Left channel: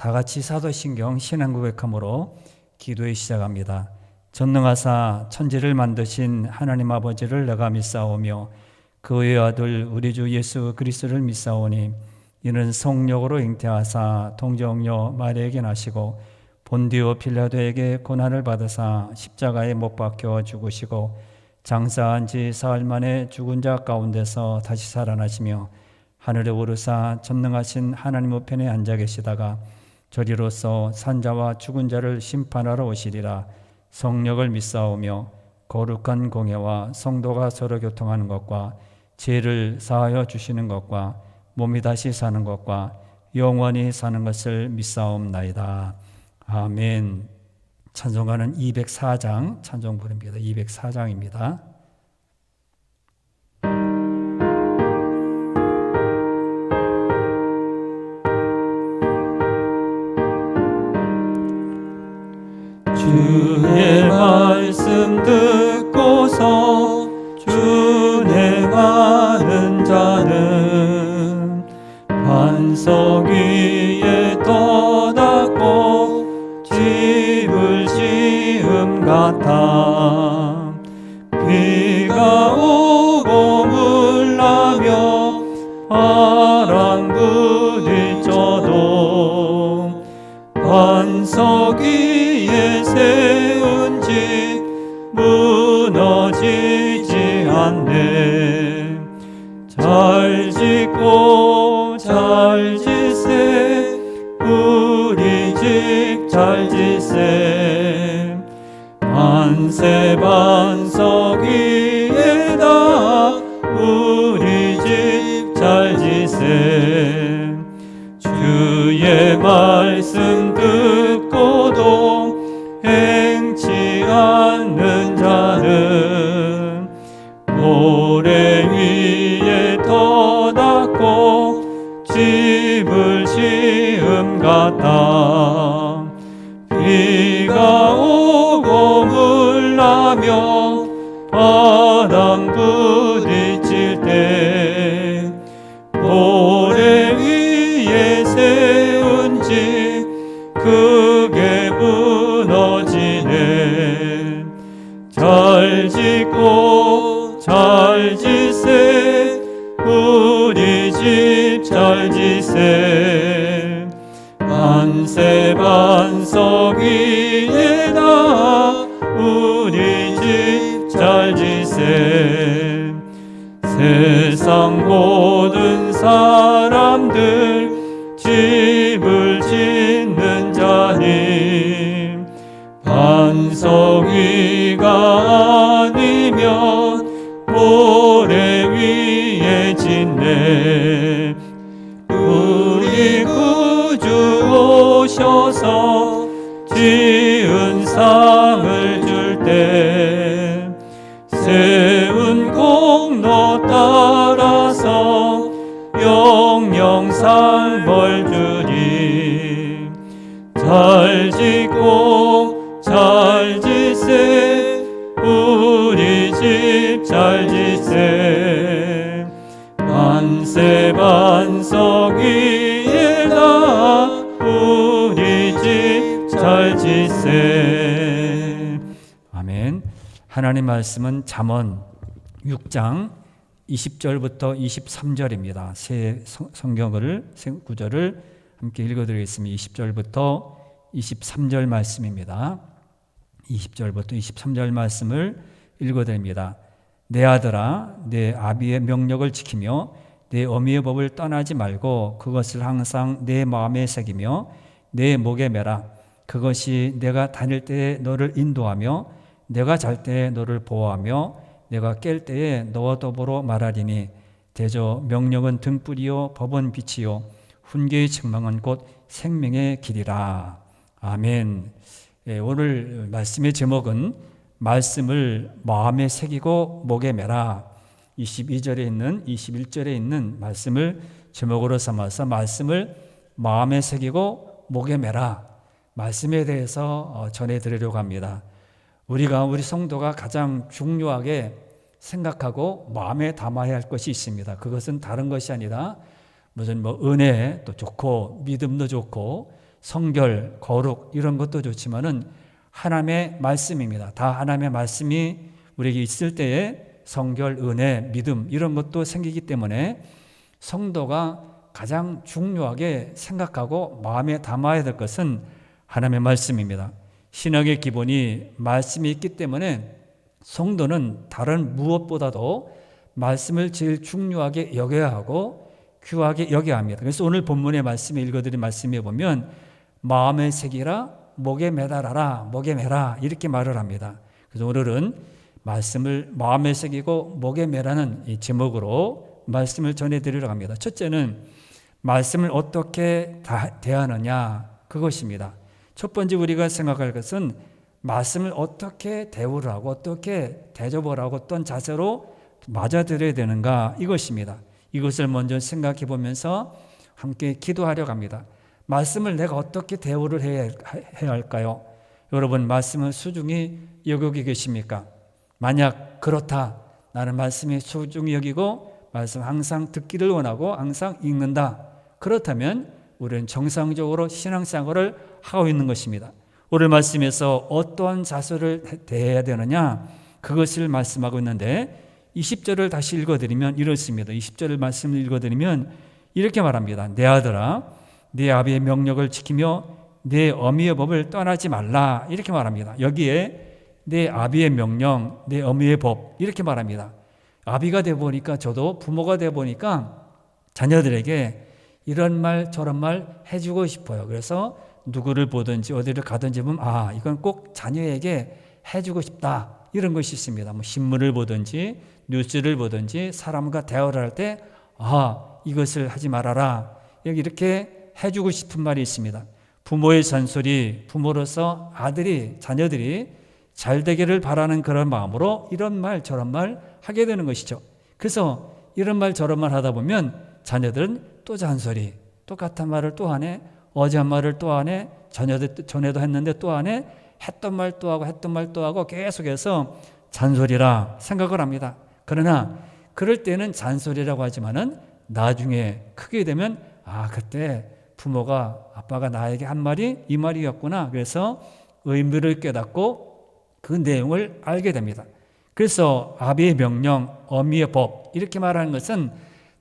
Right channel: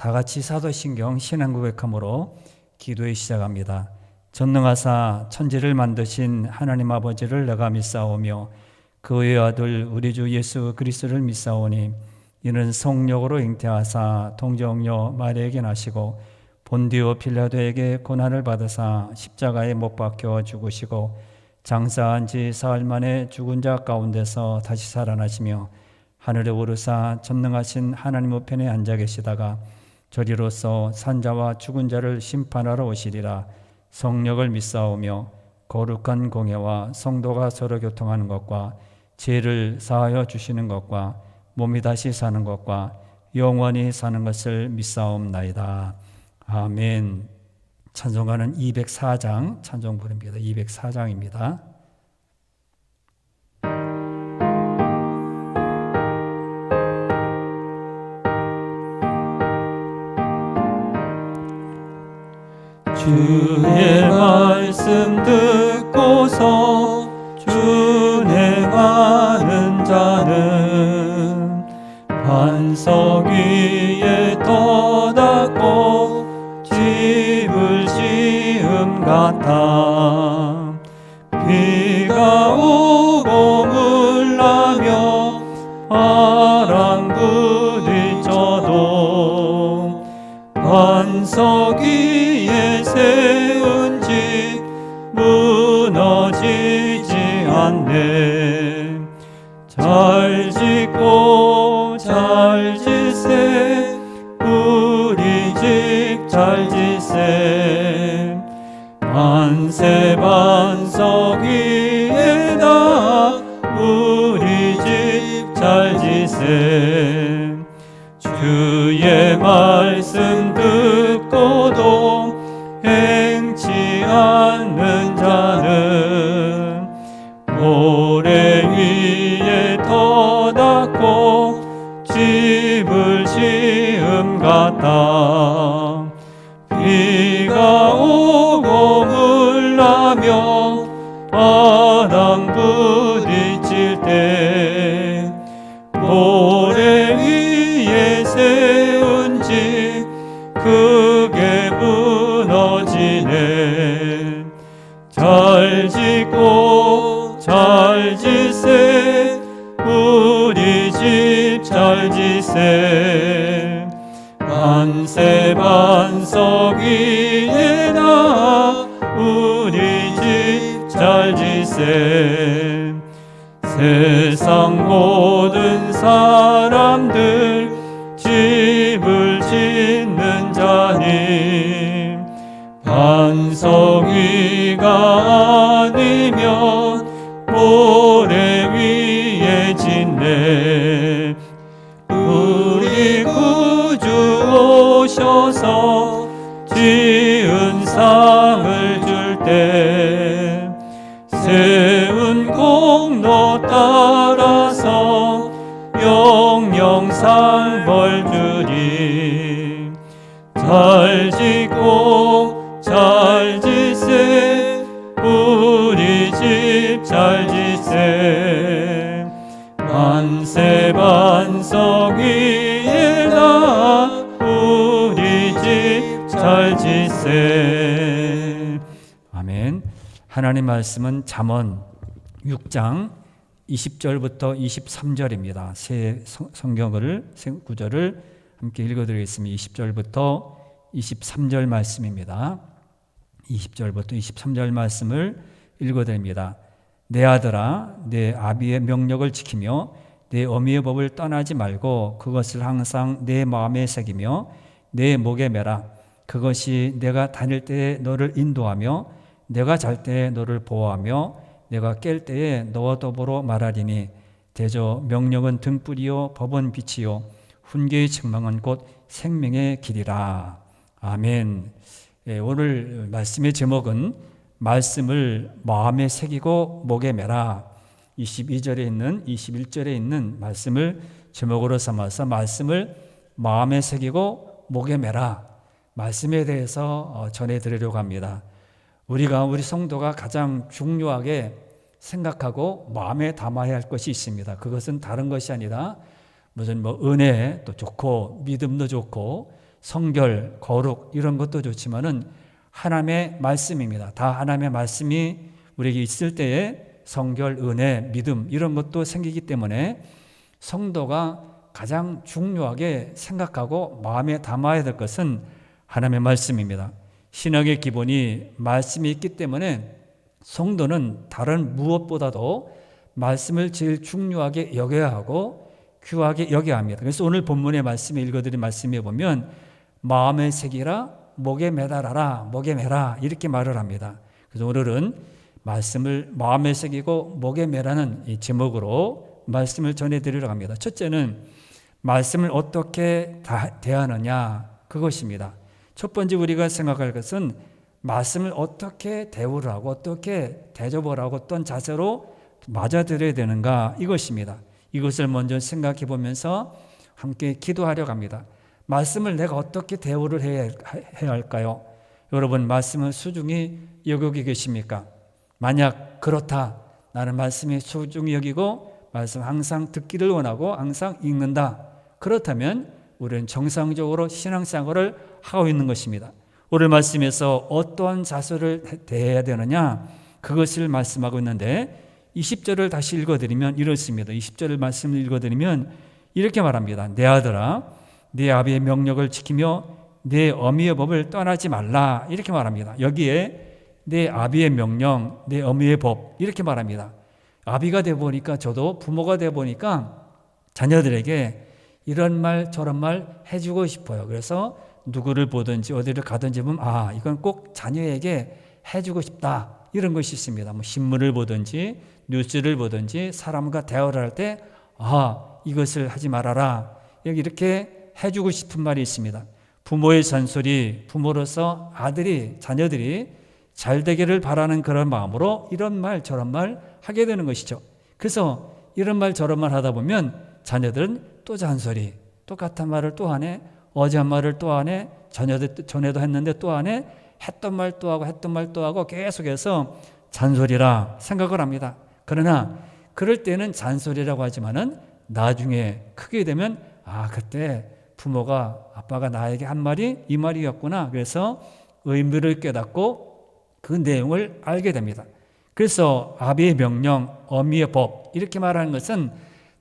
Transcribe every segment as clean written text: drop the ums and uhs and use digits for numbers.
다 같이 사도신경 신앙고백함으로 기도에 시작합니다. 전능하사 천지를 만드신 하나님 아버지를 내가 믿사오며 그의 아들 우리 주 예수 그리스도를 믿사오니 이는 성령으로 잉태하사 동정녀 마리아에게 나시고 본디오 빌라도에게 고난을 받으사 십자가에 못 박혀 죽으시고 장사한 지 사흘 만에 죽은 자 가운데서 다시 살아나시며 하늘에 오르사 전능하신 하나님 우편에 앉아 계시다가 저리로서 산자와 죽은 자를 심판하러 오시리라. 성령을 믿사오며 거룩한 공예와 성도가 서로 교통하는 것과 죄를 사하여 주시는 것과 몸이 다시 사는 것과 영원히 사는 것을 믿사옵나이다. 아멘. 찬송가는 204장 찬송 부릅니다. 204장입니다. 주의 말씀 듣고서 준행하는 자는 반석 위에 떠닫고 집을 지음 같아. 비가 오고 물나며 바람 부딪혀도 반석 위에 세운 집 무너지지 않네. 잘 짓고 잘 짓세 우리 집 잘 짓세. 만세 반석 위에다 우리 집 잘 짓세. 주의 말씀 듣고도 행치 않는 자는 모래 위에 터닫고 집을 지음 같다. 비가 오고 물나며 바람 부딪힐 때 모래 위에 세운 집 크게 무너지네. 잘 짓고 잘 짓세 우리 집 잘 짓세. 만세 반석 위에다 우리 집 잘 짓세. 세상 모든 사람들 집을 짓는 자님 반석 위가 아니면 모래 위에 짓네. 우리 구주 오셔서 지은 상을 줄 때 세운 공로 따라서 영영 상 벌 주리. 잘 짓고 잘 짓세 우리 집 잘 짓세. 만세 반석 위에다 우리 집 잘 짓세. 아멘. 하나님 말씀은 잠언 6장 20절부터 23절입니다. 새 성경을 새 구절을 함께 읽어드리겠습니다. 20절부터 23절 말씀입니다. 20절부터 23절 말씀을 읽어드립니다. 내 아들아, 내 아비의 명령을 지키며 내 어미의 법을 떠나지 말고 그것을 항상 내 마음에 새기며 내 목에 매라. 그것이 내가 다닐 때에 너를 인도하며 내가 잘 때에 너를 보호하며 내가 깰 때에 너와 더불어 말하리니. 대저 명령은 등불이요 법은 빛이요 훈계의 책망은 곧 생명의 길이라. 아멘. 오늘 말씀의 제목은 말씀을 마음에 새기고 목에 매라. 22절에 있는 21절에 있는 말씀을 제목으로 삼아서 말씀을 마음에 새기고 목에 매라. 말씀에 대해서 전해드리려고 합니다. 우리가 우리 성도가 가장 중요하게 생각하고 마음에 담아야 할 것이 있습니다. 그것은 다른 것이 아니라 무슨 은혜도 좋고 믿음도 좋고 성결, 거룩 이런 것도 좋지만은 하나님의 말씀입니다. 다 하나님의 말씀이 우리에게 있을 때에 성결, 은혜, 믿음 이런 것도 생기기 때문에 성도가 가장 중요하게 생각하고 마음에 담아야 될 것은 하나님의 말씀입니다. 신학의 기본이 말씀이 있기 때문에 성도는 다른 무엇보다도 말씀을 제일 중요하게 여겨야 하고 귀하게 여겨야 합니다. 그래서 오늘 본문의 말씀에 읽어드린 말씀에 보면 마음에 새기라, 목에 매달아라, 목에 매라 이렇게 말을 합니다. 그래서 오늘은 말씀을 마음에 새기고 목에 매라는 이 제목으로 말씀을 전해드리려고 합니다. 첫째는 말씀을 어떻게 대하느냐 그것입니다. 첫 번째 우리가 생각할 것은 말씀을 어떻게 대우를 하고 어떻게 대접을 하고 어떤 자세로 맞아들여야 되는가 이것입니다. 이것을 먼저 생각해 보면서 함께 기도하려고 합니다. 말씀을 내가 어떻게 대우를 해야 할까요? 여러분 말씀을 소중히 여기고 계십니까? 만약 그렇다, 나는 말씀이 소중히 여기고 말씀 항상 듣기를 원하고 항상 읽는다, 그렇다면 우리는 정상적으로 신앙생활을 하고 있는 것입니다. 오늘 말씀에서 어떠한 자세를 대해야 되느냐 그것을 말씀하고 있는데 20절을 다시 읽어드리면 이렇습니다. 20절을 말씀을 읽어드리면 이렇게 말합니다. 내 아들아, 네 아비의 명령을 지키며 내 어미의 법을 떠나지 말라 이렇게 말합니다. 여기에 내 아비의 명령, 내 어미의 법 이렇게 말합니다. 아비가 되어 보니까 저도 부모가 되어 보니까 자녀들에게 이런 말 저런 말 해주고 싶어요. 그래서 누구를 보든지 어디를 가든지 보면 이건 꼭 자녀에게 해주고 싶다 이런 것이 있습니다. 뭐 신문을 보든지 뉴스를 보든지 사람과 대화를 할 때 이것을 하지 말아라 여기 이렇게 해주고 싶은 말이 있습니다. 부모의 잔소리, 부모로서 자녀들이 잘 되기를 바라는 그런 마음으로 이런 말 저런 말 하게 되는 것이죠. 그래서 이런 말 저런 말 하다 보면 자녀들은 또 잔소리, 똑같은 말을 또 하네, 어제 한 말을 또 하네, 전에도 했는데 또 하네, 했던 말 또 하고 했던 말 또 하고 계속해서 잔소리라 생각을 합니다. 그러나 그럴 때는 잔소리라고 하지만은 나중에 크게 되면 그때 부모가 아빠가 나에게 한 말이 이 말이었구나. 그래서 의미를 깨닫고 그 내용을 알게 됩니다. 그래서 아비의 명령, 어미의 법 이렇게 말하는 것은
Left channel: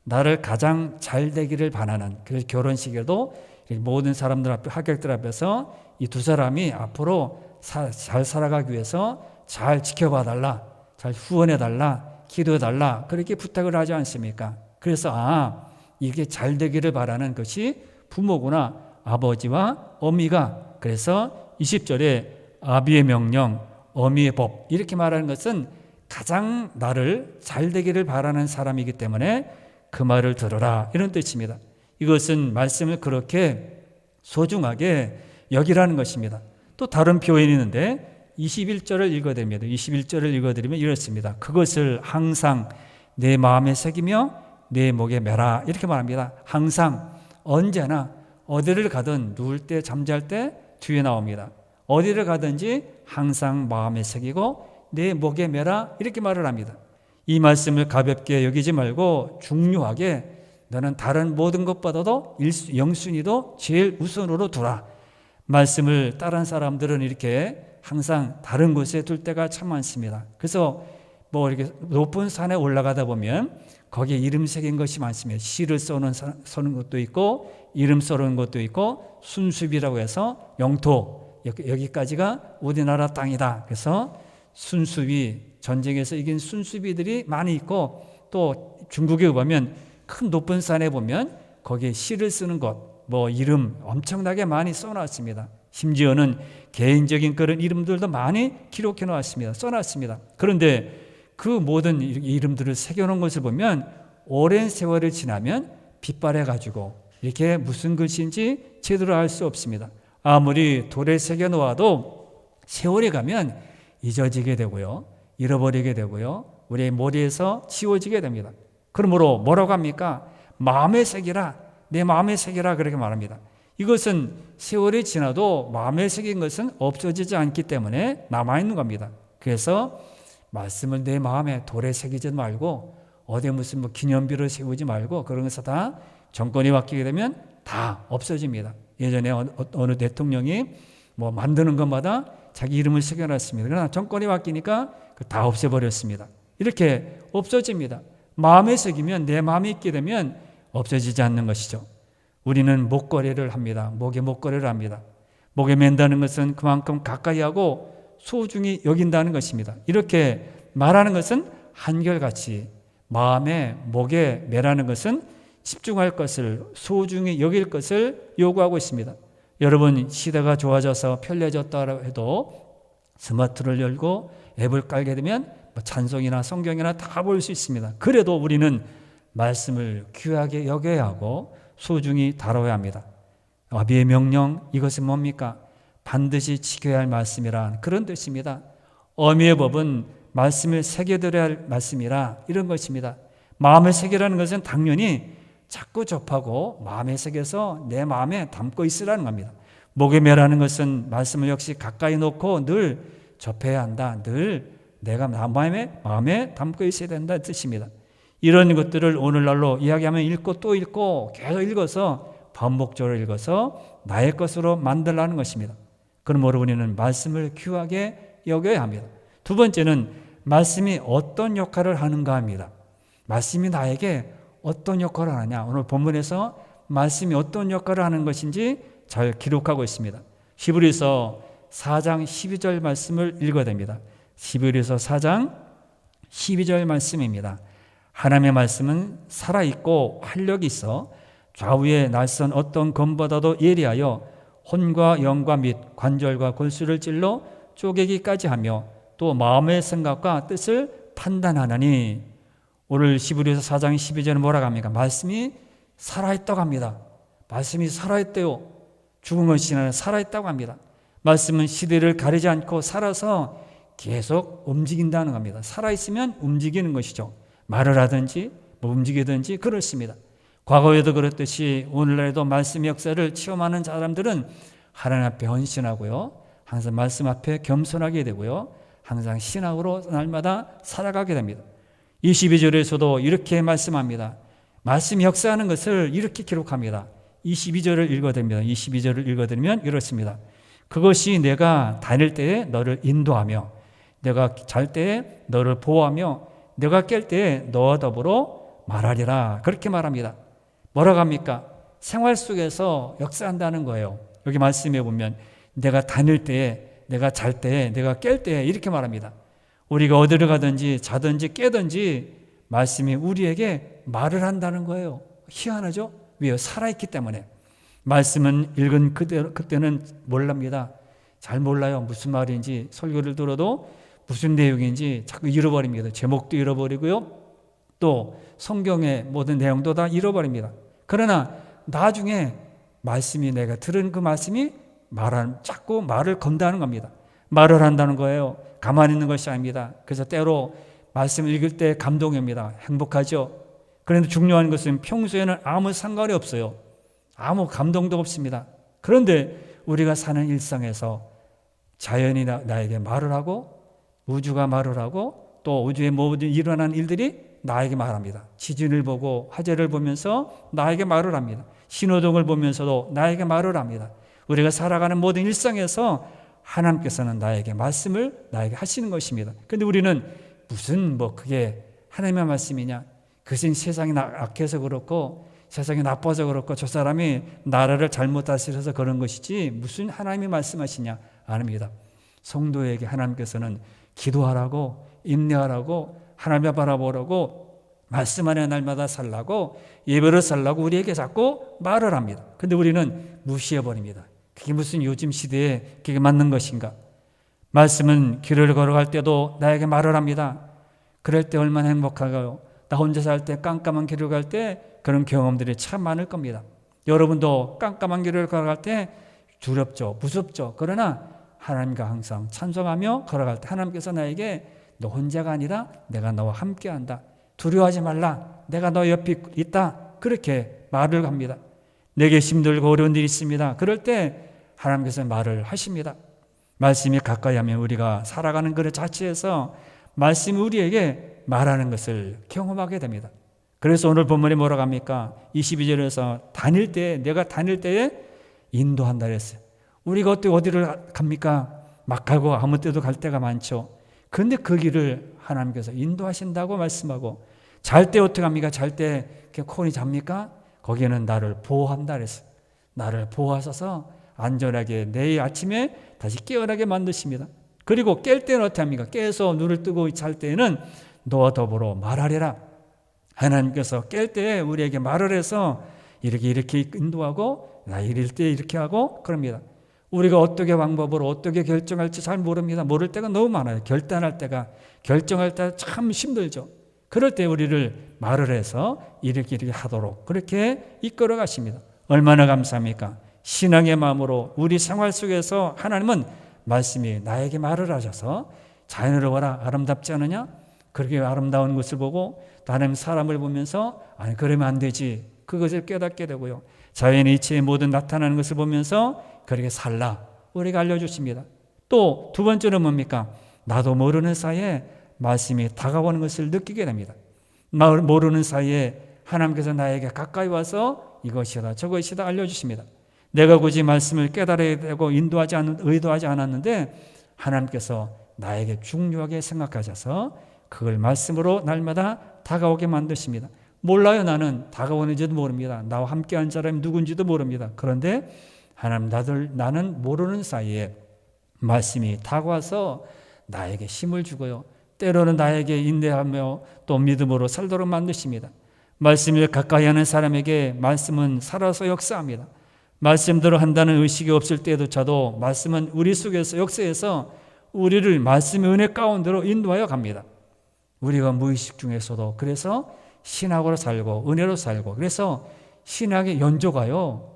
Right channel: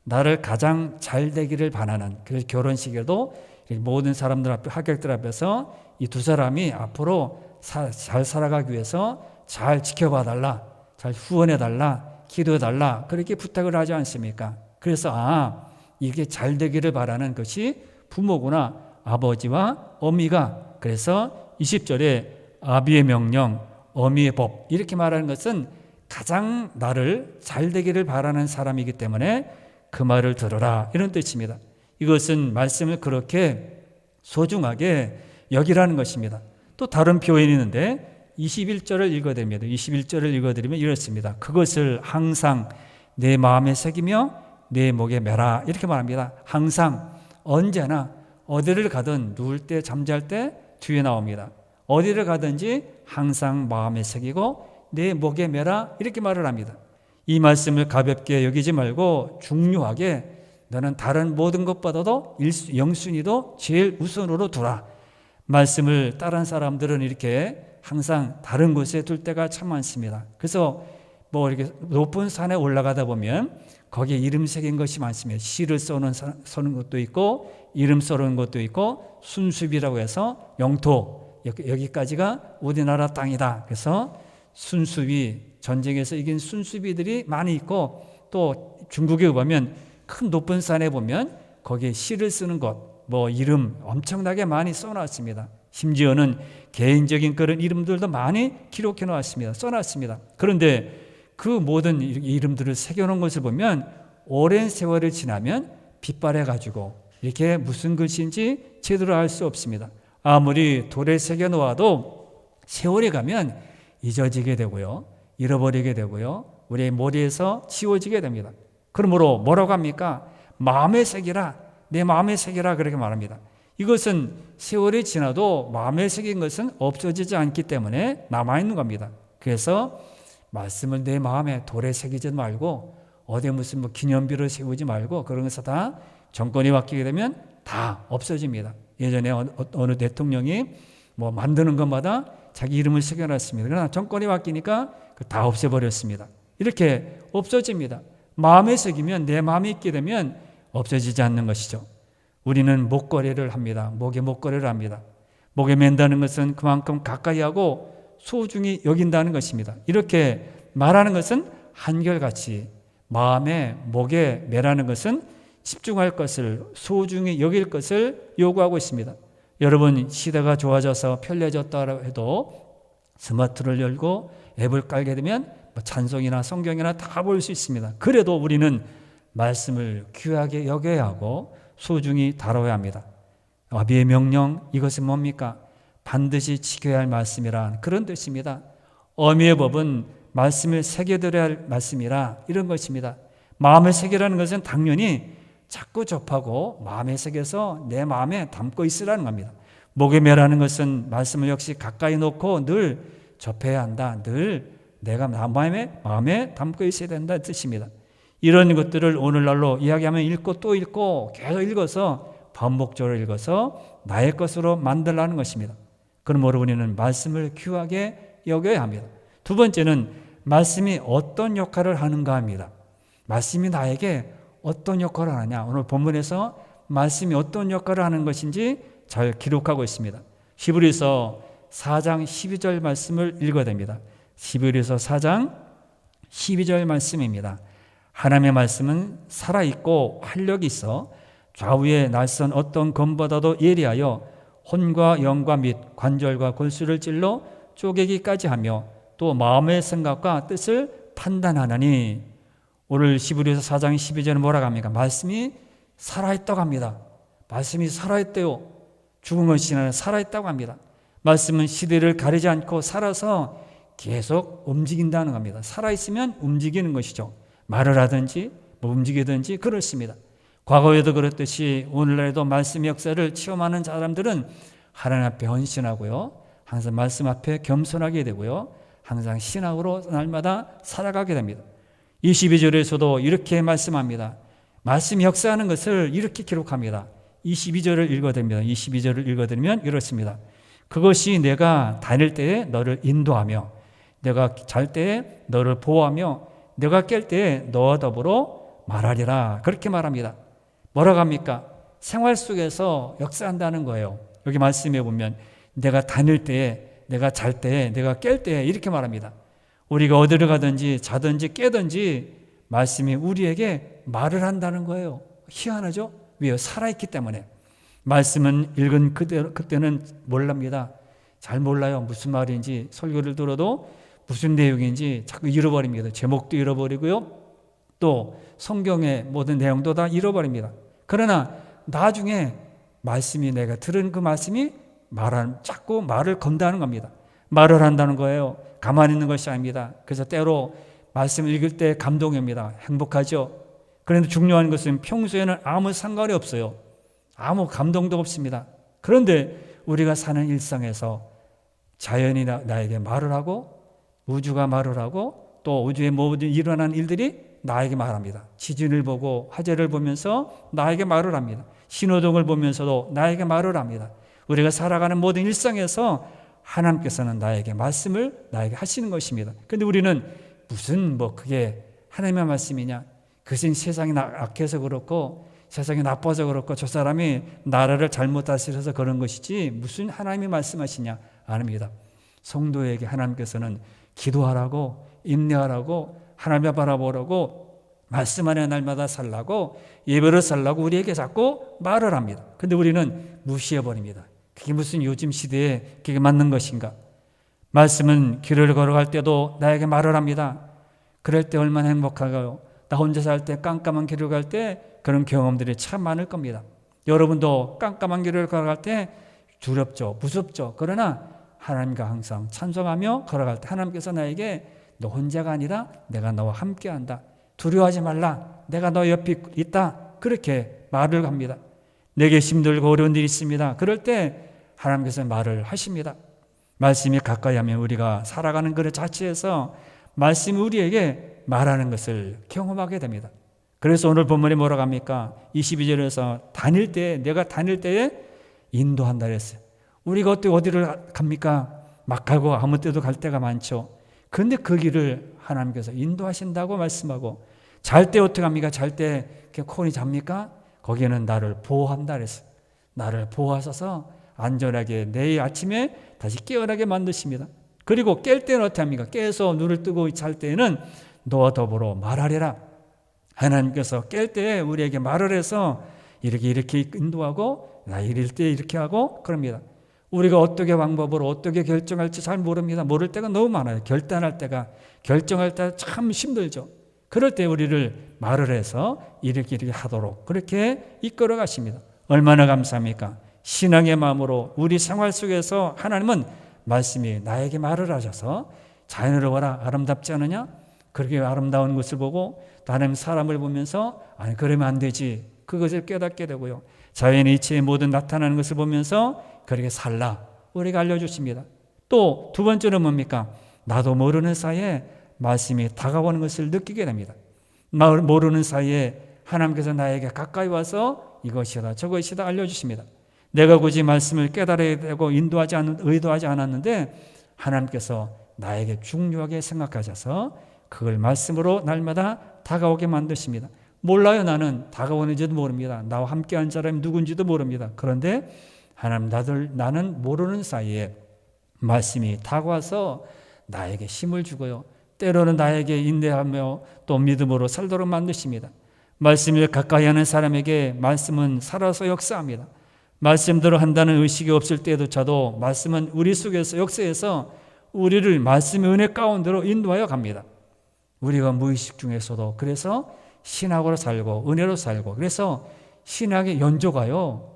나를 가장 잘 되기를 바라는, 그래서 결혼식에도 모든 사람들 앞에, 하객들 앞에서 이 두 사람이 앞으로 잘 살아가기 위해서 잘 지켜봐 달라, 잘 후원해 달라, 기도해 달라 그렇게 부탁을 하지 않습니까? 그래서 이게 잘 되기를 바라는 것이 부모구나, 아버지와 어미가. 그래서 20절에 아비의 명령, 어미의 법 이렇게 말하는 것은 가장 나를 잘 되기를 바라는 사람이기 때문에 그 말을 들어라 이런 뜻입니다. 이것은 말씀을 그렇게 소중하게 여기라는 것입니다. 또 다른 표현이 있는데 21절을 읽어드립니다. 21절을 읽어드리면 이렇습니다. 그것을 항상 내 마음에 새기며 내 목에 매라 이렇게 말합니다. 항상, 언제나, 어디를 가든 누울 때 잠잘 때 뒤에 나옵니다. 어디를 가든지 항상 마음에 새기고 내 목에 매라 이렇게 말을 합니다. 이 말씀을 가볍게 여기지 말고 중요하게 너는 다른 모든 것보다도 영순위도 제일 우선으로 두라. 말씀을 다른 사람들은 이렇게 항상 다른 곳에 둘 때가 참 많습니다. 그래서 이렇게 높은 산에 올라가다 보면 거기에 이름 새긴 것이 많습니다. 시를 써는 것도 있고 이름 써는 것도 있고 순수비라고 해서 영토, 여기까지가 우리나라 땅이다. 그래서 순수비, 전쟁에서 이긴 순수비들이 많이 있고 또 중국에 보면 큰 높은 산에 보면 거기에 시를 쓰는 것, 이름 엄청나게 많이 써놨습니다. 심지어는 개인적인 그런 이름들도 많이 기록해 놓았습니다. 써놨습니다. 그런데 그 모든 이름들을 새겨놓은 것을 보면 오랜 세월이 지나면 빛발해 가지고 이렇게 무슨 글씨인지 제대로 알 수 없습니다. 아무리 돌에 새겨놓아도 세월이 가면 잊어지게 되고요, 잃어버리게 되고요, 우리의 머리에서 지워지게 됩니다. 그러므로 뭐라고 합니까? 마음에 새기라, 내 마음에 새기라 그렇게 말합니다. 이것은 세월이 지나도 마음에 새긴 것은 없어지지 않기 때문에 남아있는 겁니다. 그래서 말씀을 내 마음에 돌에 새기지 말고 어디 무슨 기념비를 세우지 말고 그런 것을 다 정권이 바뀌게 되면 다 없어집니다. 예전에 어느 대통령이 뭐 만드는 것마다 자기 이름을 새겨놨습니다. 그러나 정권이 바뀌니까 다 없애버렸습니다. 이렇게 없어집니다. 마음에 새기면, 내 마음에 있게 되면 없어지지 않는 것이죠. 우리는 목걸이를 합니다. 목에 목걸이를 합니다. 목에 맨다는 것은 그만큼 가까이 하고 소중히 여긴다는 것입니다. 이렇게 말하는 것은 한결같이 마음에 목에 매라는 것은 집중할 것을, 소중히 여길 것을 요구하고 있습니다. 여러분, 시대가 좋아져서 편리해졌다 해도 스마트를 열고 앱을 깔게 되면 찬송이나 성경이나 다 볼 수 있습니다. 그래도 우리는 말씀을 귀하게 여겨야 하고 소중히 다뤄야 합니다. 아비의 명령, 이것은 뭡니까? 반드시 지켜야 할 말씀이란 그런 뜻입니다. 어미의 법은 말씀을 새겨들어야 할 말씀이라 이런 것입니다. 마음에 새기라는 것은 당연히 자꾸 접하고 마음에 새겨서 내 마음에 담고 있으라는 겁니다. 목에 매라는 것은 말씀을 역시 가까이 놓고 늘 접해야 한다. 늘 내가 마음에 담고 있어야 된다는 뜻입니다. 이런 것들을 오늘날로 이야기하면 읽고 또 읽고 계속 읽어서 반복적으로 읽어서 나의 것으로 만들라는 것입니다. 그러므로 우리는 말씀을 귀하게 여겨야 합니다. 두 번째는 말씀이 어떤 역할을 하는가 합니다. 말씀이 나에게 어떤 역할을 하느냐. 오늘 본문에서 말씀이 어떤 역할을 하는 것인지 잘 기록하고 있습니다. 히브리서 4장 12절 말씀을 읽어야 됩니다. 히브리서 4장 12절 말씀입니다. 하나님의 말씀은 살아있고 활력이 있어 좌우의 날선 어떤 검보다도 예리하여 혼과 영과 및 관절과 골수를 찔러 쪼개기까지 하며 또 마음의 생각과 뜻을 판단하나니. 오늘 히브리서 4장 12절은 뭐라고 합니까? 말씀이 살아있다고 합니다. 말씀이 살아있대요. 죽은 것이 아니라 살아있다고 합니다. 말씀은 시대를 가리지 않고 살아서 계속 움직인다는 겁니다. 살아있으면 움직이는 것이죠. 말을 하든지 뭐 움직이든지 그렇습니다. 과거에도 그렇듯이 오늘날에도 말씀의 역사를 체험하는 사람들은 하나님 앞에 헌신하고요. 항상 말씀 앞에 겸손하게 되고요. 항상 신앙으로 날마다 살아가게 됩니다. 22절에서도 이렇게 말씀합니다. 말씀이 역사하는 것을 이렇게 기록합니다. 22절을 읽어드립니다. 22절을 읽어드리면 이렇습니다. 그것이 내가 다닐 때에 너를 인도하며 내가 잘 때에 너를 보호하며 내가 깰 때에 너와 더불어 말하리라. 그렇게 말합니다. 뭐라고 합니까? 생활 속에서 역사한다는 거예요. 여기 말씀해 보면 내가 다닐 때에, 내가 잘 때에, 내가 깰 때에 이렇게 말합니다. 우리가 어디를 가든지 자든지 깨든지 말씀이 우리에게 말을 한다는 거예요. 희한하죠? 왜요? 살아있기 때문에. 말씀은 읽은 그때는 몰랍니다. 잘 몰라요. 무슨 말인지. 설교를 들어도 무슨 내용인지 자꾸 잃어버립니다. 제목도 잃어버리고요. 또 성경의 모든 내용도 다 잃어버립니다. 그러나 나중에 말씀이, 내가 들은 그 말씀이 자꾸 말을 건다는 겁니다. 말을 한다는 거예요. 가만히 있는 것이 아닙니다. 그래서 때로 말씀을 읽을 때 감동입니다. 행복하죠. 그런데 중요한 것은 평소에는 아무 상관이 없어요. 아무 감동도 없습니다. 그런데 우리가 사는 일상에서 자연이 나에게 말을 하고 우주가 말을 하고 또 우주에 모든 일어난 일들이 나에게 말합니다. 지진을 보고 화재를 보면서 나에게 말을 합니다. 신호등을 보면서도 나에게 말을 합니다. 우리가 살아가는 모든 일상에서 하나님께서는 나에게 말씀을 나에게 하시는 것입니다. 그런데 우리는 무슨 그게 하나님의 말씀이냐? 그것은 세상이 악해서 그렇고 세상이 나빠서 그렇고 저 사람이 나라를 잘못 다스려서 그런 것이지 무슨 하나님이 말씀하시냐? 아닙니다. 성도에게 하나님께서는 기도하라고, 인내하라고, 하나님을 바라보라고, 말씀 안에 날마다 살라고, 예배를 살라고 우리에게 자꾸 말을 합니다. 그런데 우리는 무시해버립니다. 그게 무슨 요즘 시대에 그게 맞는 것인가? 말씀은 길을 걸어갈 때도 나에게 말을 합니다. 그럴 때 얼마나 행복할까요? 나 혼자 살 때 깜깜한 길을 갈 때 그런 경험들이 참 많을 겁니다. 여러분도 깜깜한 길을 걸어갈 때 두렵죠, 무섭죠. 그러나 하나님과 항상 찬송하며 걸어갈 때 하나님께서 나에게 너 혼자가 아니라 내가 너와 함께한다. 두려워하지 말라. 내가 너 옆에 있다. 그렇게 말을 합니다. 내게 힘들고 어려운 일이 있습니다. 그럴 때 하나님께서 말을 하십니다. 말씀이 가까이 하면 우리가 살아가는 그 자체에서 말씀이 우리에게 말하는 것을 경험하게 됩니다. 그래서 오늘 본문이 뭐라고 합니까? 22절에서 내가 다닐 때에 인도한다 그랬어요. 우리가 어디를 갑니까? 막 가고 아무 때도 갈 때가 많죠. 그런데 그 길을 하나님께서 인도하신다고 말씀하고, 잘 때 어떻게 합니까? 잘 때 콘이 잡니까? 거기에는 나를 보호한다 그랬어요. 나를 보호하셔서 안전하게 내일 아침에 다시 깨어나게 만드십니다. 그리고 깰 때는 어떻게 합니까? 깨서 눈을 뜨고 잘 때에는 너와 더불어 말하리라. 하나님께서 깰 때 우리에게 말을 해서 이렇게 인도하고, 나 이럴 때 이렇게 하고 그럽니다. 우리가 어떻게 방법으로 어떻게 결정할지 잘 모릅니다. 모를 때가 너무 많아요. 결정할 때 참 힘들죠. 그럴 때 우리를 말을 해서 이렇게 하도록 그렇게 이끌어 가십니다. 얼마나 감사합니까? 신앙의 마음으로 우리 생활 속에서 하나님은 말씀이 나에게 말을 하셔서 자연으로 와라, 아름답지 않느냐? 그렇게 아름다운 것을 보고 다른 사람을 보면서 아니 그러면 안 되지, 그것을 깨닫게 되고요. 자연의 이치의 모든 나타나는 것을 보면서 그렇게 살라, 우리가 알려주십니다. 또 두 번째는 뭡니까? 나도 모르는 사이에 말씀이 다가오는 것을 느끼게 됩니다. 모르는 사이에 하나님께서 나에게 가까이 와서 이것이다 저것이다 알려주십니다. 내가 굳이 말씀을 깨달아야 되고 의도하지 않았는데 하나님께서 나에게 중요하게 생각하셔서 그걸 말씀으로 날마다 다가오게 만드십니다. 몰라요. 나는 다가오는지도 모릅니다. 나와 함께한 사람이 누군지도 모릅니다. 그런데 하나님, 나는 모르는 사이에 말씀이 다가와서 나에게 힘을 주고요. 때로는 나에게 인내하며 또 믿음으로 살도록 만드십니다. 말씀을 가까이 하는 사람에게 말씀은 살아서 역사합니다. 말씀대로 한다는 의식이 없을 때조차도 말씀은 우리 속에서 역사해서 우리를 말씀의 은혜 가운데로 인도하여 갑니다. 우리가 무의식 중에서도 그래서 신학으로 살고 은혜로 살고, 그래서 신학의 연조가요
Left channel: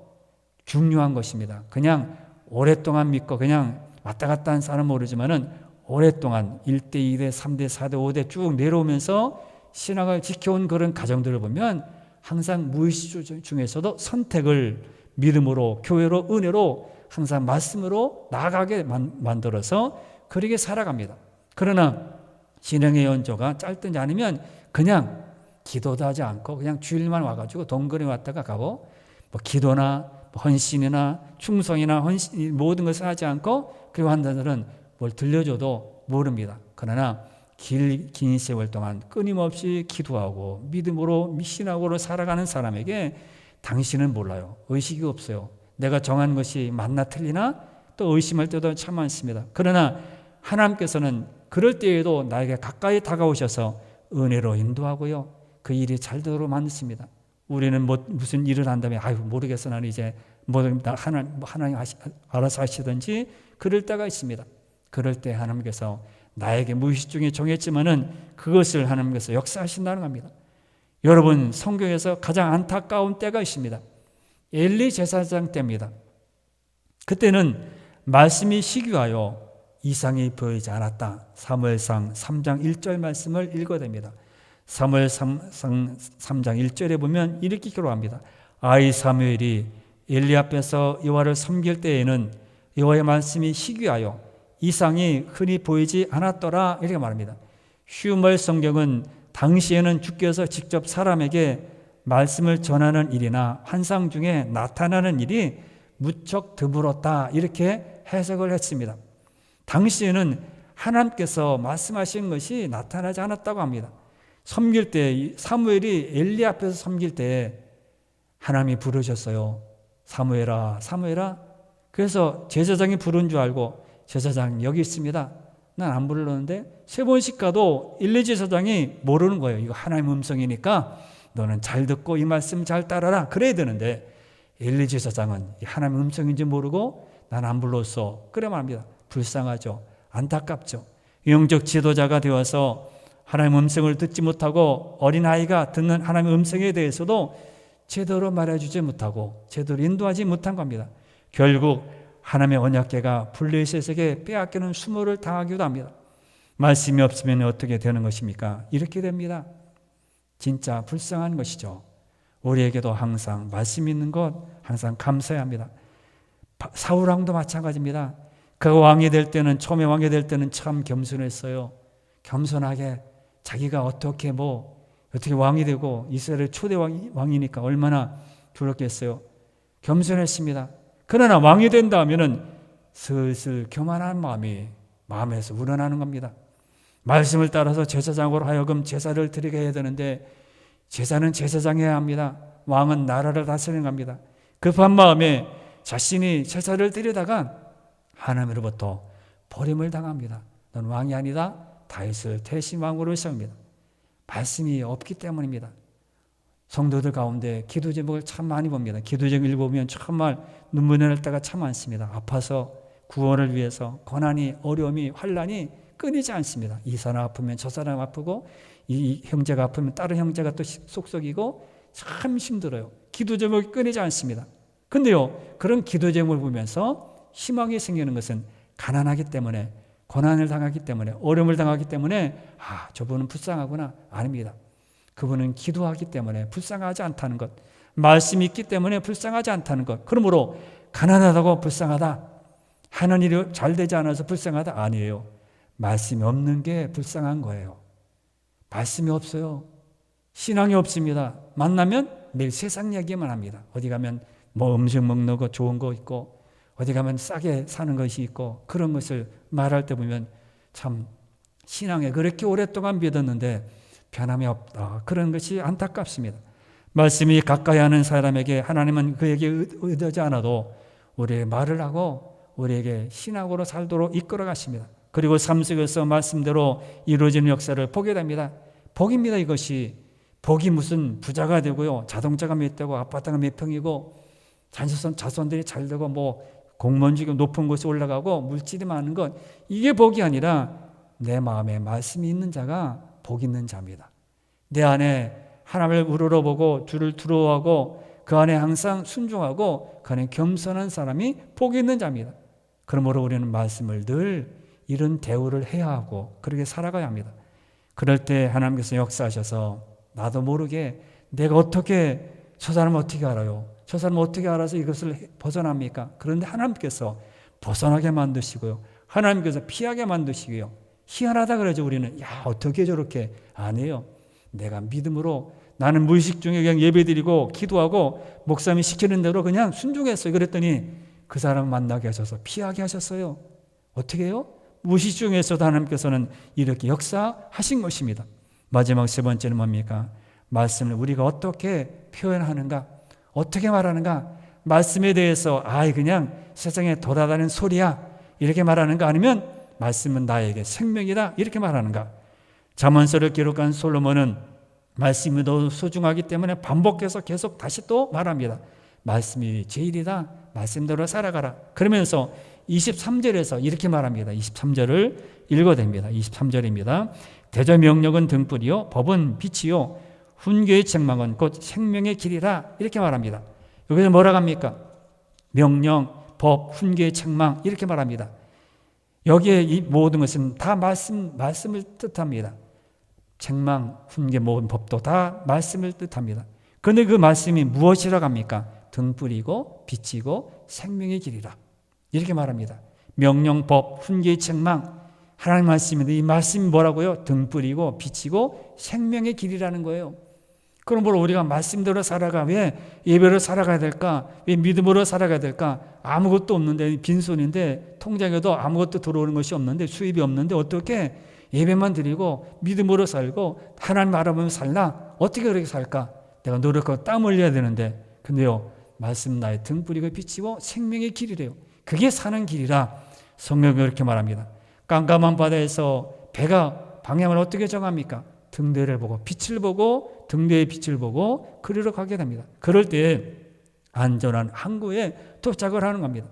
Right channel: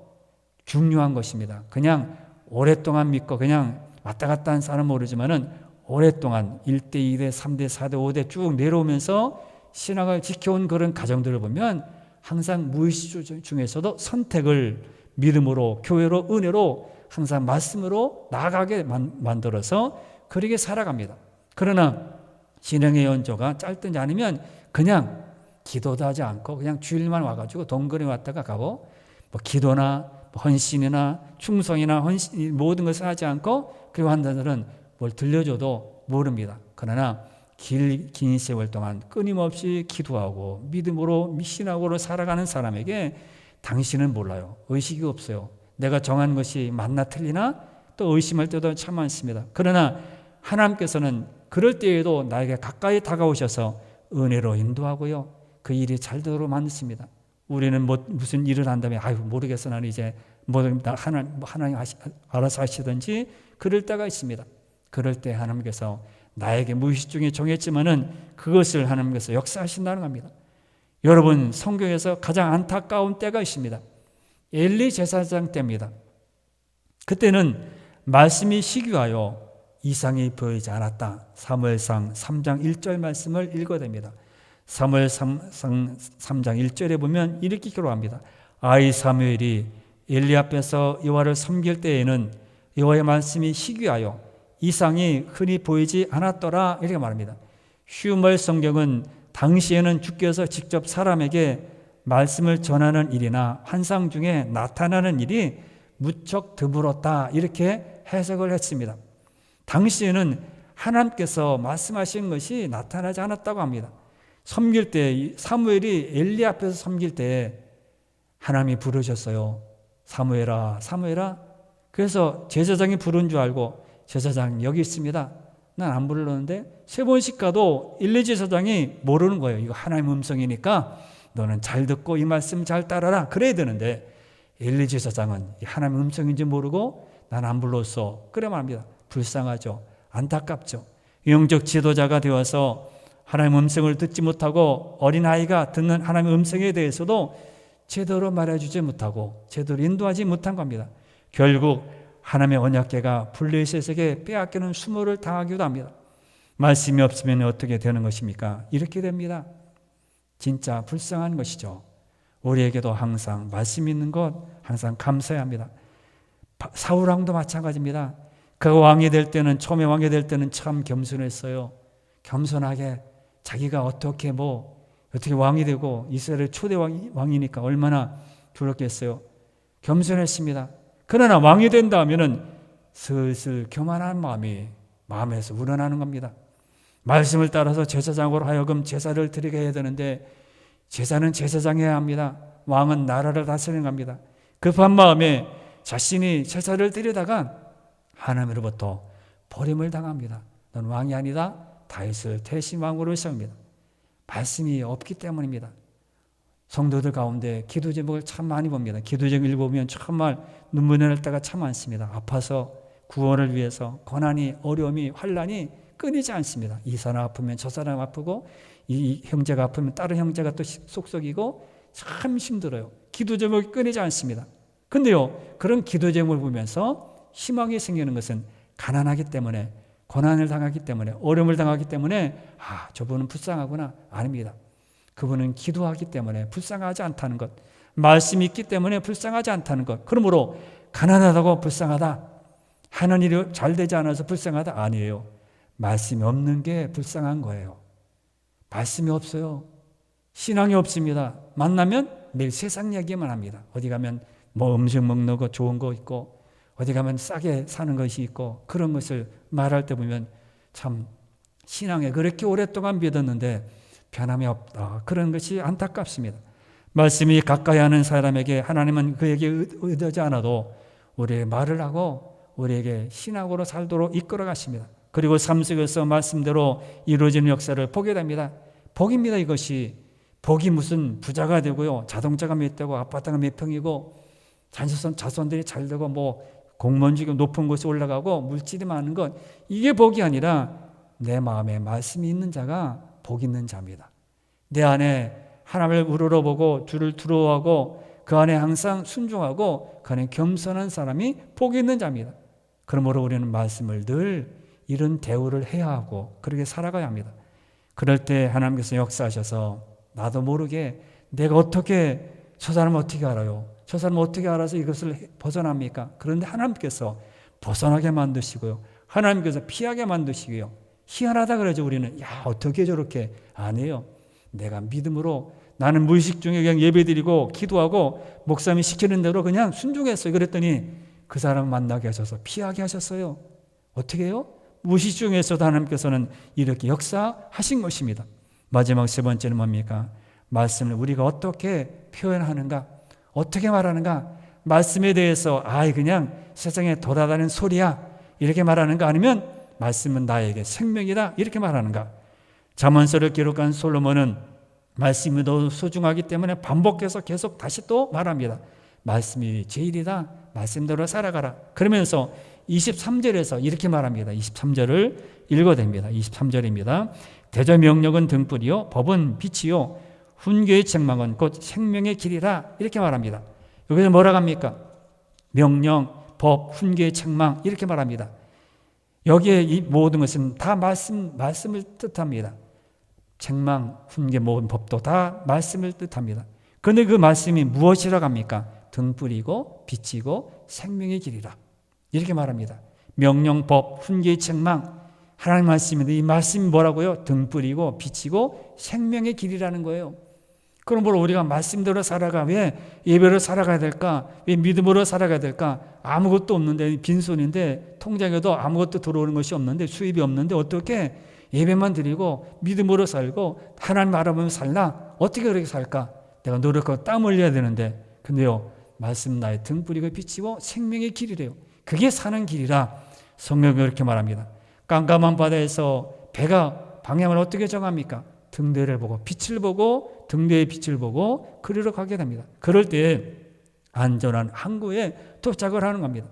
중요한 것입니다. 그냥 오랫동안 믿고 그냥 왔다 갔다 한 사람은 모르지만은 오랫동안 1대, 2대, 3대, 4대, 5대 쭉 내려오면서 신학을 지켜온 그런 가정들을 보면 항상 무의식 중에서도 선택을 믿음으로, 교회로, 은혜로 항상 말씀으로 나아가게 만들어서 그렇게 살아갑니다. 그러나 신앙의 연조가 짧든지 아니면 그냥 기도도 하지 않고 그냥 주일만 와가지고 동거리 왔다가 가고, 뭐 기도나 헌신이나 충성이나 모든 것을 하지 않고 그리고 한다들은 뭘 들려줘도 모릅니다. 그러나 긴 세월 동안 끊임없이 기도하고 믿음으로 신앙으로 살아가는 사람에게 당신은 몰라요. 의식이 없어요. 내가 정한 것이 맞나 틀리나 또 의심할 때도 참 많습니다. 그러나 하나님께서는 그럴 때에도 나에게 가까이 다가오셔서 은혜로 인도하고요. 그 일이 잘 되도록 만드십니다. 우리는 무슨 일을 한다면 모르겠어, 나는 이제 하나님 알아서 하시든지 그럴 때가 있습니다. 그럴 때 하나님께서 나에게 무의식 중에 정했지만은 그것을 하나님께서 역사하신다는 겁니다. 여러분, 성경에서 가장 안타까운 때가 있습니다. 엘리 제사장 때입니다. 그때는 말씀이 시기하여 이상이 보이지 않았다. 사무엘상 3장 1절 말씀을 읽어야 됩니다. 사무엘상 3장 1절에 보면 이렇게 기록합니다. 아이 사무엘이 엘리 앞에서 여호와를 섬길 때에는 여호와의 말씀이 시기하여 이상이 흔히 보이지 않았더라, 이렇게 말합니다. 슈멀 성경은 당시에는 주께서 직접 사람에게 말씀을 전하는 일이나 환상 중에 나타나는 일이 무척 드물었다, 이렇게 해석을 했습니다. 당시에는 하나님께서 말씀하신 것이 나타나지 않았다고 합니다. 섬길 때 사무엘이 엘리 앞에서 섬길 때 하나님이 부르셨어요. 사무엘아, 사무엘아. 그래서 제사장이 부른 줄 알고 제사장 여기 있습니다. 난 안 불렀는데 세 번씩 가도 엘리 제사장이 모르는 거예요. 이거 하나님 음성이니까 너는 잘 듣고 이 말씀 잘 따라라, 그래야 되는데 엘리 제사장은 하나님 음성인지 모르고 난 안 불렀어, 그래 말합니다. 불쌍하죠. 안타깝죠. 영적 지도자가 되어서 하나님 음성을 듣지 못하고 어린아이가 듣는 하나님 음성에 대해서도 제대로 말해주지 못하고 제대로 인도하지 못한 겁니다. 결국 하나님의 언약궤가 블레셋에게 빼앗기는 수모를 당하기도 합니다. 말씀이 없으면 어떻게 되는 것입니까? 이렇게 됩니다. 진짜 불쌍한 것이죠. 우리에게도 항상 말씀 있는 것 항상 감사해야 합니다. 사울왕도 마찬가지입니다. 그가 왕이 될 때는, 처음에 왕이 될 때는 참 겸손했어요. 겸손하게 자기가 어떻게 왕이 되고 이스라엘의 초대 왕이니까 얼마나 두렵겠어요. 겸손했습니다. 그러나 왕이 된다 하면은 슬슬 교만한 마음이 마음에서 우러나는 겁니다. 말씀을 따라서 제사장으로 하여금 제사를 드리게 해야 되는데 제사는 제사장이 해야 합니다. 왕은 나라를 다스리는 겁니다. 급한 마음에 자신이 제사를 드리다가 하나님으로부터 버림을 당합니다. 너는 왕이 아니다. 다윗을 대신 왕으로 세웁니다. 말씀이 없기 때문입니다. 성도들 가운데 기도 제목을 참 많이 봅니다. 기도 제목 읽어보면 정말 눈물이 날 때가 참 많습니다. 아파서 구원을 위해서 고난이, 어려움이, 환난이 끊이지 않습니다. 이 사람 아프면 저 사람 아프고 이 형제가 아프면 다른 형제가 또 속썩이고 참 힘들어요. 기도 제목이 끊이지 않습니다. 근데요, 그런 기도 제목을 보면서 희망이 생기는 것은 가난하기 때문에, 고난을 당하기 때문에, 어려움을 당하기 때문에 저분은 불쌍하구나. 아닙니다. 그분은 기도하기 때문에 불쌍하지 않다는 것, 말씀이 있기 때문에 불쌍하지 않다는 것. 그러므로 가난하다고 불쌍하다, 하는 일이 잘 되지 않아서 불쌍하다, 아니에요. 말씀이 없는 게 불쌍한 거예요. 말씀이 없어요. 신앙이 없습니다. 만나면 매일 세상 얘기만 합니다. 어디 가면 뭐 음식 먹는 거 좋은 거 있고, 어디 가면 싸게 사는 것이 있고, 그런 것을 말할 때 보면 참 신앙에 그렇게 오랫동안 믿었는데 변함이 없다. 그런 것이 안타깝습니다. 말씀이 가까이 하는 사람에게 하나님은 그에게 의도하지 않아도 우리에게 말을 하고 우리에게 신앙으로 살도록 이끌어 가십니다. 그리고 삶 속에서 말씀대로 이루어지는 역사를 보게 됩니다. 복입니다. 이것이 복이 무슨 부자가 되고요, 자동차가 몇 대고 아파트가 몇 평이고 자손들이 잘 되고 뭐 공무원직이 높은 곳에 올라가고 물질이 많은 것, 이게 복이 아니라 내 마음에 말씀이 있는 자가 복 있는 자입니다. 내 안에 하나님을 우러러보고 주를 두려워하고 그 안에 항상 순종하고 그 안에 겸손한 사람이 복 있는 자입니다. 그러므로 우리는 말씀을 늘 이런 대우를 해야 하고 그렇게 살아가야 합니다. 그럴 때 하나님께서 역사하셔서 나도 모르게 내가 어떻게, 저 사람 어떻게 알아요? 저 사람 어떻게 알아서 이것을 벗어납니까? 그런데 하나님께서 벗어나게 만드시고요, 하나님께서 피하게 만드시고요. 희한하다 그러죠. 우리는 어떻게 저렇게 안 해요? 내가 믿음으로, 나는 무의식 중에 그냥 예배드리고 기도하고 목사님이 시키는 대로 그냥 순종했어요. 그랬더니 그 사람 만나게 하셔서 피하게 하셨어요. 어떻게 해요? 무의식 중에서도 하나님께서는 이렇게 역사하신 것입니다. 마지막 세 번째는 뭡니까? 말씀을 우리가 어떻게 표현하는가, 어떻게 말하는가. 말씀에 대해서 그냥 세상에 돌아다니는 소리야 이렇게 말하는가, 아니면 말씀은 나에게 생명이다 이렇게 말하는가. 잠언서를 기록한 솔로몬은 말씀이 너무 소중하기 때문에 반복해서 계속 다시 또 말합니다. 말씀이 제일이다, 말씀대로 살아가라. 그러면서 23절에서 이렇게 말합니다. 23절을 읽어댑니다. 23절입니다. 대저 명령은 등불이요 법은 빛이요 훈계의 책망은 곧 생명의 길이라 이렇게 말합니다. 여기서 뭐라고 합니까? 명령, 법, 훈계의 책망 이렇게 말합니다. 여기에 이 모든 것은 다 말씀을 뜻합니다. 책망, 훈계, 모든 법도 다 말씀을 뜻합니다. 그런데 그 말씀이 무엇이라고 합니까? 등불이고 빛이고 생명의 길이라 이렇게 말합니다. 명령, 법, 훈계의 책망, 하나님 말씀인데 이 말씀이 뭐라고요? 등불이고 빛이고 생명의 길이라는 거예요. 그러므로 우리가 말씀대로 살아가, 왜 예배로 살아가야 될까? 왜 믿음으로 살아가야 될까? 아무것도 없는데, 빈손인데 통장에도 아무것도 들어오는 것이 없는데, 수입이 없는데 어떻게 예배만 드리고 믿음으로 살고 하나님 알아보면 살나? 어떻게 그렇게 살까? 내가 노력하고 땀 흘려야 되는데. 근데요, 말씀 나의 등불이고 빛이고 생명의 길이래요. 그게 사는 길이라 성경이 그렇게 말합니다. 깜깜한 바다에서 배가 방향을 어떻게 정합니까? 등대를 보고 빛을 보고 등대의 빛을 보고 그리로 가게 됩니다. 그럴 때 안전한 항구에 도착을 하는 겁니다.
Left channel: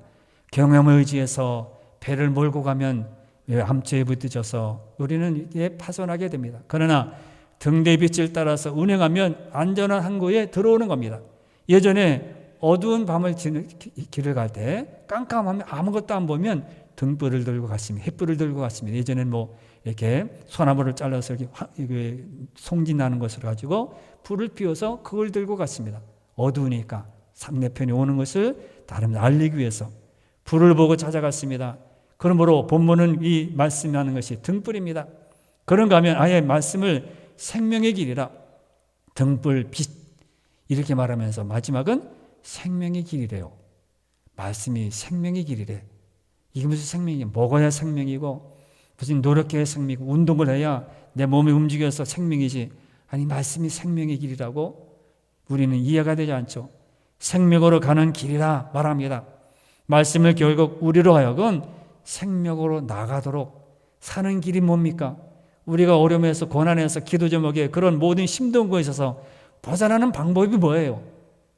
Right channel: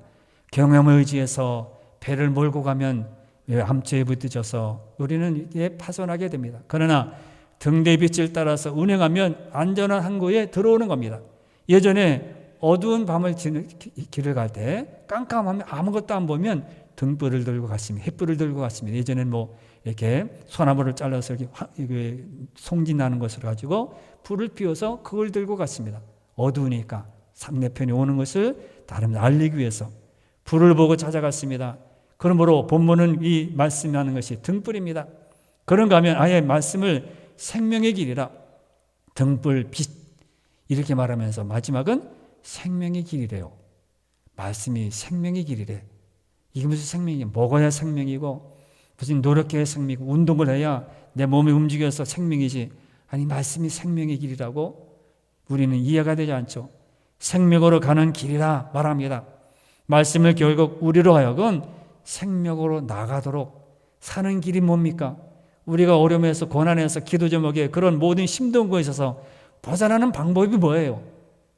경험을 의지해서 배를 몰고 가면 암초에 부딪혀서 우리는 이제 파손하게 됩니다. 그러나 등대의 빛을 따라서 운행하면 안전한 항구에 들어오는 겁니다. 예전에 어두운 밤을 길을 갈 때 깜깜하면 아무것도 안 보면 등불을 들고 갔습니다. 횃불을 들고 갔습니다. 예전에는 뭐 이렇게 소나무를 잘라서 이렇게 송진하는 것을 가지고 불을 피워서 그걸 들고 갔습니다. 어두우니까 상대편이 오는 것을 다른 알리기 위해서 불을 보고 찾아갔습니다. 그러므로 본문은 이 말씀하는 것이 등불입니다. 그런가 하면 아예 말씀을 생명의 길이라 등불 빛 이렇게 말하면서 마지막은 생명의 길이래요. 말씀이 생명의 길이래. 이게 무슨 생명이야? 먹어야 생명이고 무슨 노력해야 생명이고 운동을 해야 내 몸이 움직여서 생명이지. 아니 말씀이 생명의 길이라고? 우리는 이해가 되지 않죠. 생명으로 가는 길이라 말합니다. 말씀을 결국 우리로 하여금 생명으로 나가도록 사는 길이 뭡니까? 우리가 어려움에서 고난에서 기도 제목에 그런 모든 힘든 거에 있어서 벗어나는 방법이 뭐예요?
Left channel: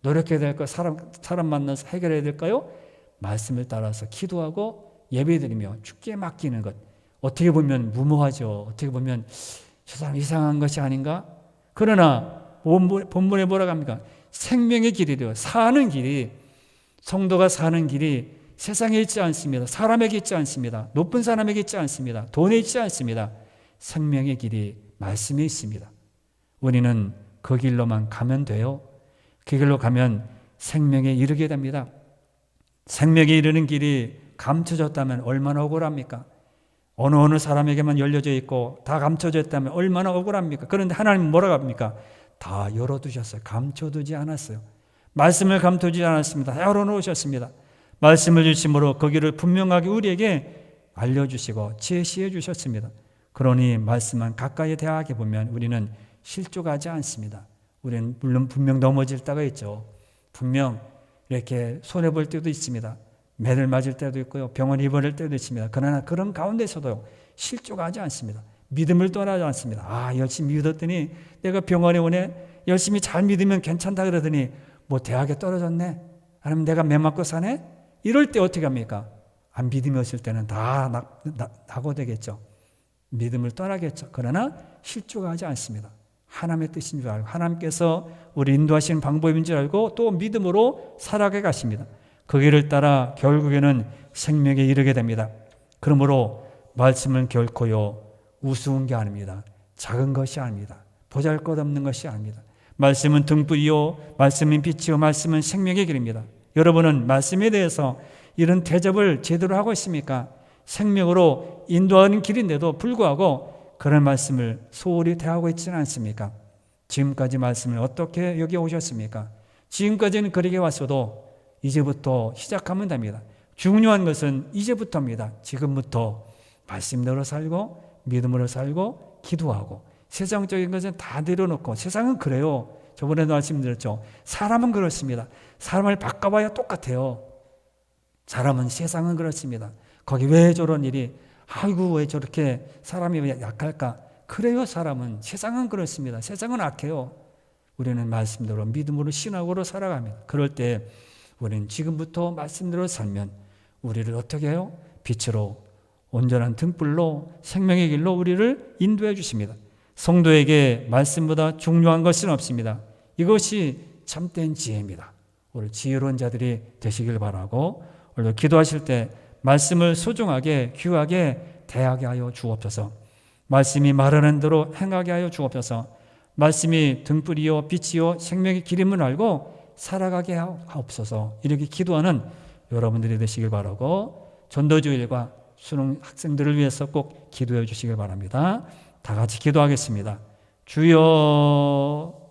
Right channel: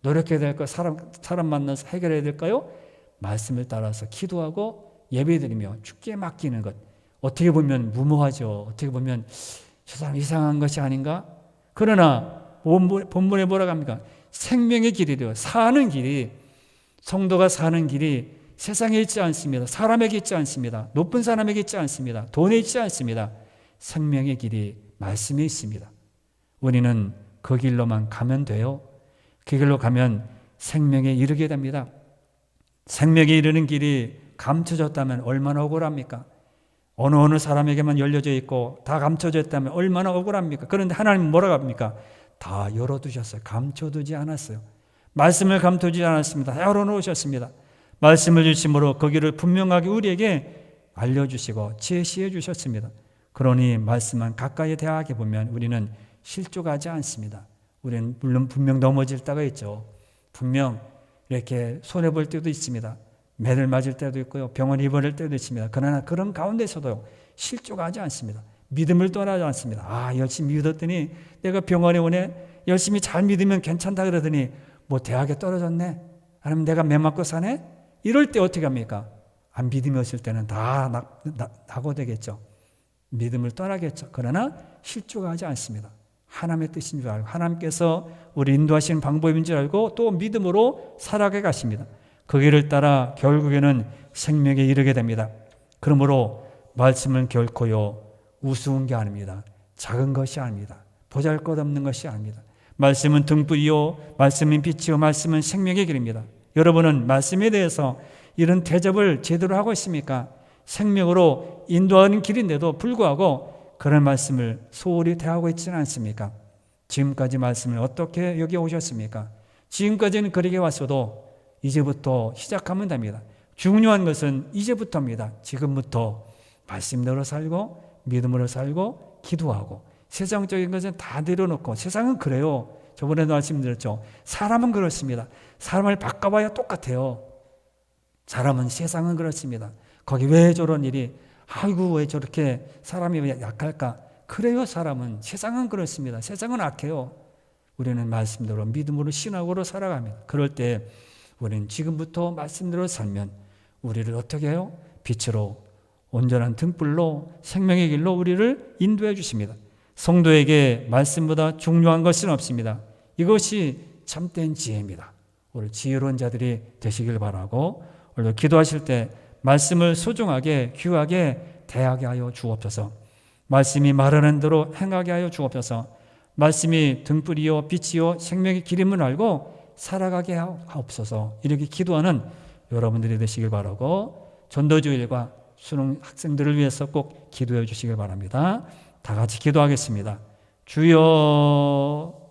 노력해야 될까요? 사람 만나서 해결해야 될까요? 말씀을 따라서 기도하고 예배드리며 주께 맡기는 것. 어떻게 보면 무모하죠. 어떻게 보면 저 사람 이상한 것이 아닌가? 그러나 본문에 뭐라고 합니까? 생명의 길이래요. 사는 길이, 성도가 사는 길이 세상에 있지 않습니다. 사람에게 있지 않습니다. 높은 사람에게 있지 않습니다. 돈에 있지 않습니다. 생명의 길이 말씀에 있습니다. 우리는 그 길로만 가면 돼요. 그 길로 가면 생명에 이르게 됩니다. 생명에 이르는 길이 감춰졌다면 얼마나 억울합니까? 어느 사람에게만 열려져 있고 다 감춰져 있다면 얼마나 억울합니까? 그런데 하나님은 뭐라고 합니까? 다 열어두셨어요. 감춰두지 않았어요. 말씀을 감춰두지 않았습니다. 열어놓으셨습니다. 말씀을 주심으로 그 길을 분명하게 우리에게 알려주시고 제시해 주셨습니다. 그러니 말씀만 가까이 대하게 보면 우리는 실족하지 않습니다. 우리는 물론 분명 넘어질 때가 있죠. 분명 이렇게 손해볼 때도 있습니다. 매를 맞을 때도 있고요. 병원 입원할 때도 있습니다. 그러나 그런 가운데서도 실족하지 않습니다. 믿음을 떠나지 않습니다. 열심히 믿었더니 내가 병원에 오네. 열심히 잘 믿으면 괜찮다 그러더니 뭐 대학에 떨어졌네. 아니면 내가 매 맞고 사네. 이럴 때 어떻게 합니까? 안 믿음이 없을 때는 다 낙오되겠죠. 믿음을 떠나겠죠. 그러나 실족하지 않습니다. 하나님의 뜻인 줄 알고 하나님께서 우리 인도하시는 방법인 줄 알고 또 믿음으로 살아가 가십니다. 그 길을 따라 결국에는 생명에 이르게 됩니다. 그러므로 말씀은 결코요 우스운 게 아닙니다. 작은 것이 아닙니다. 보잘것없는 것이 아닙니다. 말씀은 등불이요 말씀은 빛이요 말씀은 생명의 길입니다. 여러분은 말씀에 대해서 이런 대접을 제대로 하고 있습니까? 생명으로 인도하는 길인데도 불구하고 그런 말씀을 소홀히 대하고 있지는 않습니까? 지금까지 말씀을 어떻게 여기 오셨습니까? 지금까지는 그렇게 왔어도 이제부터 시작하면 됩니다. 중요한 것은 이제부터입니다. 지금부터 말씀대로 살고 믿음으로 살고 기도하고 세상적인 것은 다 내려놓고 세상은 그래요. 저번에도 말씀드렸죠. 사람은 그렇습니다. 사람을 바꿔봐야 똑같아요. 사람은 세상은 그렇습니다. 거기 왜 저런 일이 아이고 왜 저렇게 사람이 왜 약할까? 그래요. 사람은 세상은 그렇습니다. 세상은 악해요. 우리는 말씀대로 믿음으로 신앙으로 살아갑니다. 그럴 때 우리는 지금부터 말씀대로 살면 우리를 어떻게 해요? 빛으로 온전한 등불로 생명의 길로 우리를 인도해 주십니다. 성도에게 말씀보다 중요한 것은 없습니다. 이것이 참된 지혜입니다. 오늘 지혜로운 자들이 되시길 바라고 오늘 기도하실 때 말씀을 소중하게 귀하게 대하게 하여 주옵소서. 말씀이 말하는 대로 행하게 하여 주옵소서. 말씀이 등불이요 빛이요 생명의 길임을 알고 살아가게 하옵소서. 이렇게 기도하는 여러분들이 되시길 바라고 전도주일과 수능 학생들을 위해서 꼭 기도해 주시길 바랍니다. 다 같이 기도하겠습니다. 주여